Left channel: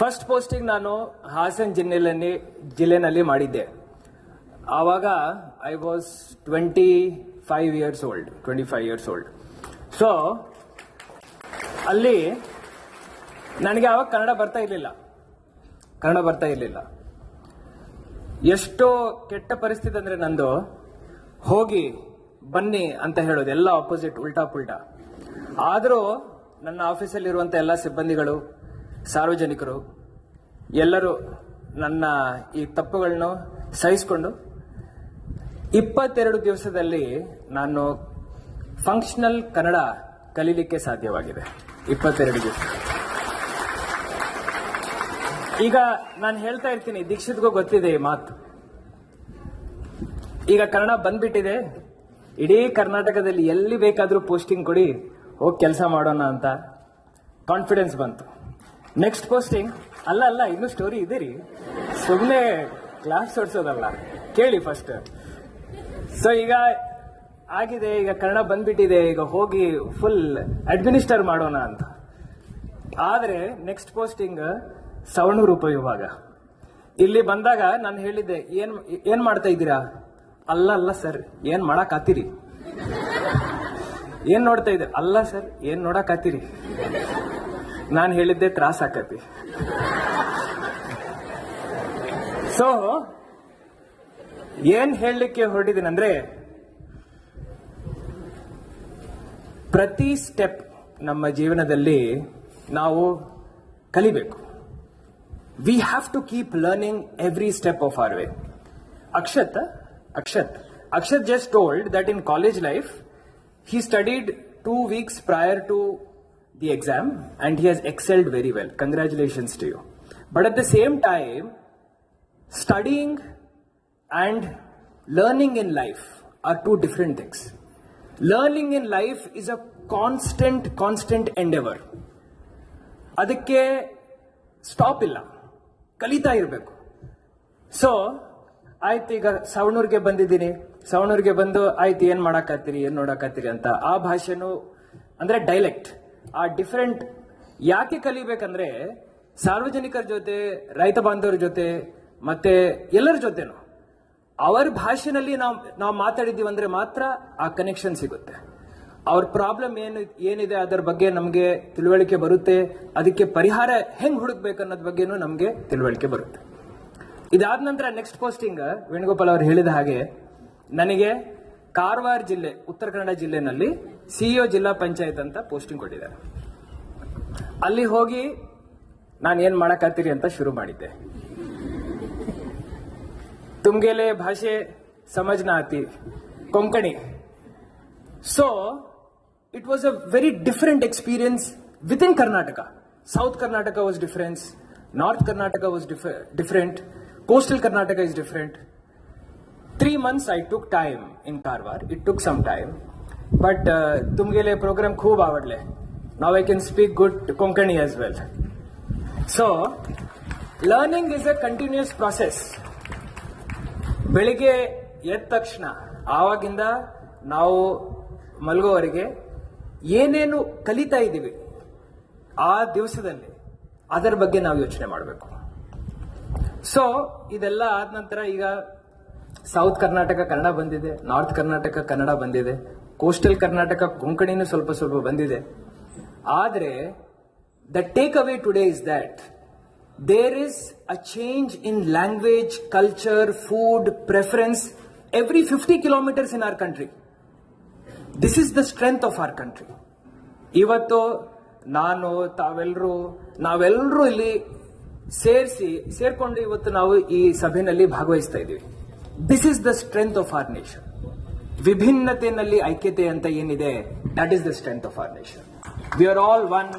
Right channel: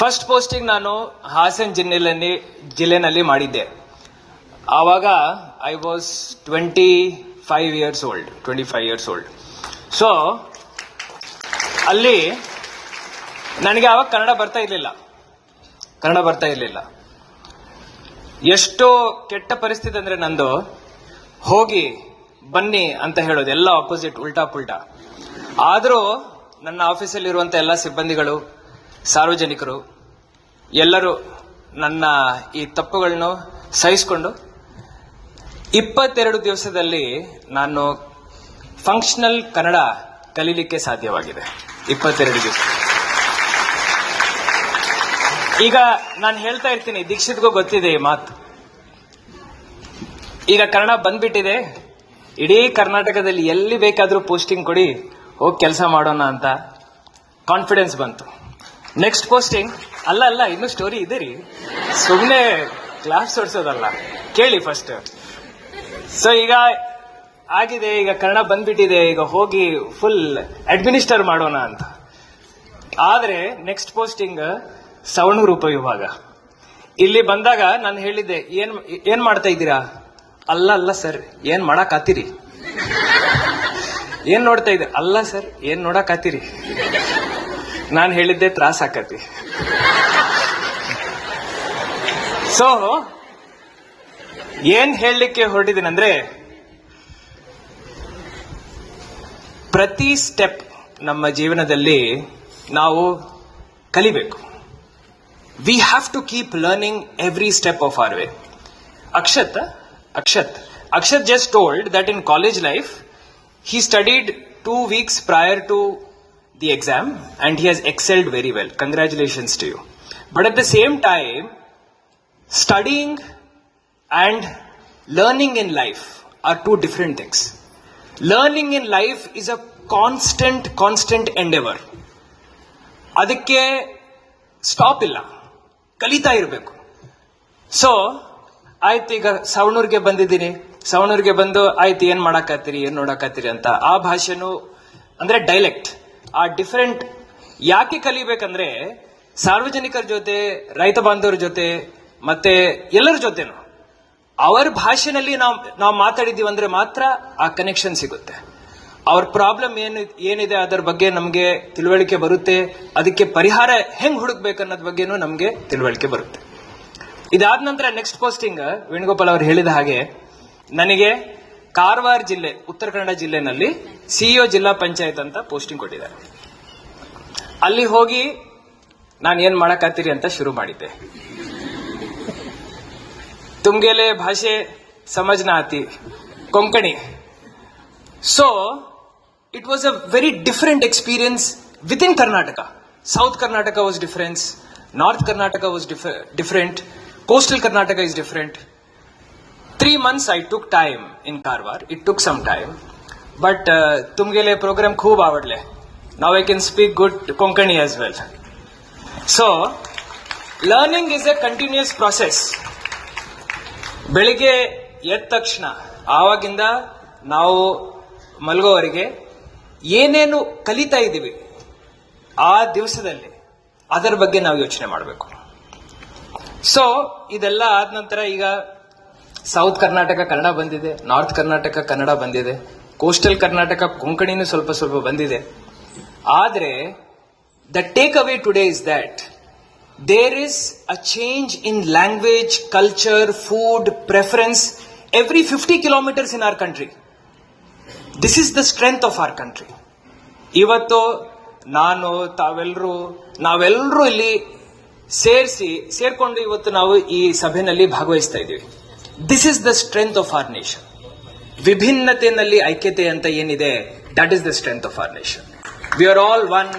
First posting ನಾನು ಹಾಸನ್ ಜಿಲ್ಲೆನಲ್ಲಿ ಮಾಡಿದ್ದೆ. ಆವಾಗ I was 25 years old. So ಅಲ್ಲಿ ನನಗೆ ಆವಾಗ ಕನ್ನಡ ಬರ್ತಾ ಇರಲಿಲ್ಲ. ಎಷ್ಟೋ ಕೆಟ್ಟ ಪರಿಸ್ಥಿತಿ ಅಂದ್ರೆ ನಂದು, ಹೋಗಿ ಬನ್ನಿ ಅಂತ ಹೇಳೋದು ಎಲ್ಲ ಆಪೋಸಿಟ್, ಉಲ್ಟಾ ಪುಲ್ಟಾ. ಆದರೂ ನನ್ನ ಆಫೀಸಲ್ಲಿರುವಂಥ ಎಲ್ಲ ಸಿಬ್ಬಂದಿಗಳು, ಸಾರ್ವಜನಿಕರು ಎಲ್ಲರೂ ನನ್ನ ಈ ತಪ್ಪುಗಳನ್ನು ಸಹಿಸಿಕೊಂಡು 22 ದಿವಸದಲ್ಲಿ ನಾನು ಫಂಕ್ಷನಲ್ ಕನ್ನಡ ಕಲೀಲಿಕ್ಕೆ ಸಾಧ್ಯವಾಗಿದೆ. 22 ದಿವಸ. ಈಗ ನಾನು ಹೇಳ್ತಾ ಇರ್ತೀನಿ, ದೀಕ್ಷಿತ್ಗೂ ಗೊತ್ತಿದೆ ಈ ಮಾತು. ಈಗ ಕನ್ನಡ ಬಂದ್ಬಿಟ್ಟಿದೆ, ಇಡೀ ಕರ್ನಾಟಕದಲ್ಲಿ ಎಲ್ಲಿ ಬೇಕಾದರೂ ಪೋಸ್ಟಿಂಗ್ ಕೊಡಿ, ಹೋಗಿ ಕೆಲಸ ಮಾಡೋಣ ಅಂತ ಕಾನ್ಫಿಡೆನ್ಸ್ ಬಂತು. ನೆಕ್ಸ್ಟ್ ಪೋಸ್ಟಿಂಗ್ ಅಲ್ಲ, ಇನ್ನೂ ಸ್ಟೋರಿ ಇದೆ ರೀ, ಸುಮ್ಮನೆ ಕ್ಲಾಸ್ ಓಡಿಸೋದಲ್ಲ, ಕೇಳಿ ಫಸ್ಟ್. ಸೊ ಈಗ ಆಗಿದೆ, ಈಗ ಕನ್ನಡ ಬಂದ್ಬಿಟ್ಟಿದೆ, ಈಗ ಹೋಗಿ ಫುಲ್ ಅಡ್ಮಿನಿಸ್ಟರ್ ಮಾಡೋಣ ಅಂತ. ಆದ್ರೆ ನೆಕ್ಸ್ಟ್ ಪೋಸ್ಟಿಂಗ್ ಸವಣೂರು ಉಪವಿಭಾಗ. ಇಲ್ಲಿ ಬಂದಾಗ ನಾನು ಹೇಳಿದ್ದೆ, ಏನ್ ಮಾಡ್ತಾ ಇದ್ದೀರಾ? ಅಲ್ಲ ಸರ್, ಏನ್ ಮಾಡಾಕತ್ತೀರಿ? ಏನ್ ನೋಡ್ತಾ ಇದ್ದೀರಾ? ಅಲ್ಲ ಸರ್, ಏನ್ ನೋಡಾಕತ್ತೀರಿ? ನಾನು ಹೇಳಿದ್ದೆ ತ್ರಾಸ ಆಕತಿ. ಸೊ ಏನ್ ಹೇಳಲಿಕ್ಕೆ ಹೊರಟಿದ್ದೀನಂದ್ರೆ, ಪ್ರತಿ ಸ್ಟೆಪ್ ನಮ್ಮ ಜೀವನದಲ್ಲಿ ನಾವು ಕಲಿಬೇಕು. We have to keep learning every step of our way. Akshat just told that in college life he studied 2 weeks prior to the exam and he has excelled very well. Congratulations to you. But at the same time, studying and learning in life are two different things. Learning in life is a constant endeavor. ಅದಕ್ಕೆ stop ಇಲ್ಲ, ಕಲಿತಾ ಇರಬೇಕು. So ಆಯ್ತು, ಈಗ ಸವಣೂರಿಗೆ ಬಂದಿದ್ದೀನಿ, ಸವಣೂರಿಗೆ ಬಂದು ಆಯ್ತು, ಏನ್ ಮಾಡಾಕತ್ತೀರಿ, ಏನ್ ನೋಡಾಕತ್ತೀರಿ ಅಂತ. ಆ ಭಾಷೆನೂ ಅಂದ್ರೆ ಡೈಲೆಕ್ಟ್, ಆ ಡಿಫರೆಂಟ್. ಯಾಕೆ ಕಲಿಬೇಕಂದ್ರೆ, ಸಾರ್ವಜನಿಕರ ಜೊತೆ, ರೈತ ಬಾಂಧವರ ಜೊತೆ, ಮತ್ತೆ ಎಲ್ಲರ ಜೊತೆನೂ ಅವರ ಭಾಷೆನಲ್ಲಿ ನಾವು ಮಾತಾಡಿದೀವಿ ಅಂದ್ರೆ ಮಾತ್ರ ಆ ಕನೆಕ್ಷನ್ ಸಿಗುತ್ತೆ. ಅವ್ರ ಪ್ರಾಬ್ಲಮ್ ಏನಿದೆ ಅದರ ಬಗ್ಗೆ ನಮಗೆ ತಿಳುವಳಿಕೆ ಬರುತ್ತೆ, ಅದಕ್ಕೆ ಪರಿಹಾರ ಹೆಂಗ್ ಹುಡುಕ್ಬೇಕು ಅನ್ನೋದ್ ಬಗ್ಗೆನೂ ನಮಗೆ ತಿಳುವಳಿಕೆ ಬರುತ್ತೆ. ಇದಾದ ನಂತರ ನೆಕ್ಸ್ಟ್ ಪೋಸ್ಟಿಂಗ್, ವೇಣುಗೋಪಾಲ್ ಅವರು ಹೇಳಿದ ಹಾಗೆ, ನನಗೆ ಕಾರವಾರ ಜಿಲ್ಲೆ, ಉತ್ತರ ಕನ್ನಡ ಜಿಲ್ಲೆನಲ್ಲಿ ಸಿಇಒ ಜಿಲ್ಲಾ ಪಂಚಾಯತ್ ಅಂತ ಪೋಸ್ಟಿಂಗ್ ಕೊಟ್ಟಿದ್ದಾರೆ. ಅಲ್ಲಿ ಹೋಗಿ ನಾನು ಏನ್ ಮಾಡಕತ್ತೀರಿ ಅಂತ ಶುರು ಮಾಡಿದ್ದೆ. ತುಮ್ಗೆಲೆ ಭಾಷೆ ಸಮಜ್ನ ಆತಿ, Konkani. So it was a very different experience within Karnataka. South Karnataka was different, North Karnataka was different, Coastal Karnataka is different. 3 months I took time in Karwar. It took some time, but tumgele program khoob avadle. Now I can speak good Konkani as well. So learning is a continuous process. ಬೆಳಿಗ್ಗೆ ಎದ್ದ ತಕ್ಷಣ ಆವಾಗಿಂದ ನಾವು ಮಲಗೋವರೆಗೆ ಏನೇನು ಕಲಿತಾ ಇದ್ದೀವಿ ಆ ದಿವಸದಲ್ಲಿ, ಅದರ ಬಗ್ಗೆ ನಾವು ಯೋಚನೆ ಮಾಡಬೇಕು. ಸೊ ಇದೆಲ್ಲ ಆದ ನಂತರ ಈಗ ಸೌತ್ ಕರ್ನಾಟಕ ಕನ್ನಡ ಬಂದಿದೆ, ನಾರ್ತ್ ಕರ್ನಾಟಕ ಕನ್ನಡ ಬಂದಿದೆ, ಕೋಸ್ಟಲ್ ಕರ್ನಾಟಕ ಕೊಂಕಣಿನೂ ಸ್ವಲ್ಪ ಬಂದಿದೆ. ಆದರೆ the take away today is that there is a change in language, culture, food, preference every 50 kilometers in our country. This is the strength of our country. ಇವತ್ತು ನಾವೆಲ್ಲರೂ ಇಲ್ಲಿ ಸೇರ್ಕೊಂಡು ಇವತ್ತು ನಾವು ಈ ಸಭೆಯಲ್ಲಿ ಭಾಗವಹಿಸ್ತಾ ಇದ್ದೀವಿ. This is the strength of our nation. ವಿಭಿನ್ನತೆಯಲ್ಲಿ ಐಕ್ಯತೆ ಅಂತ ಏನಿದೆ, that is the strength of our nation. We are all one.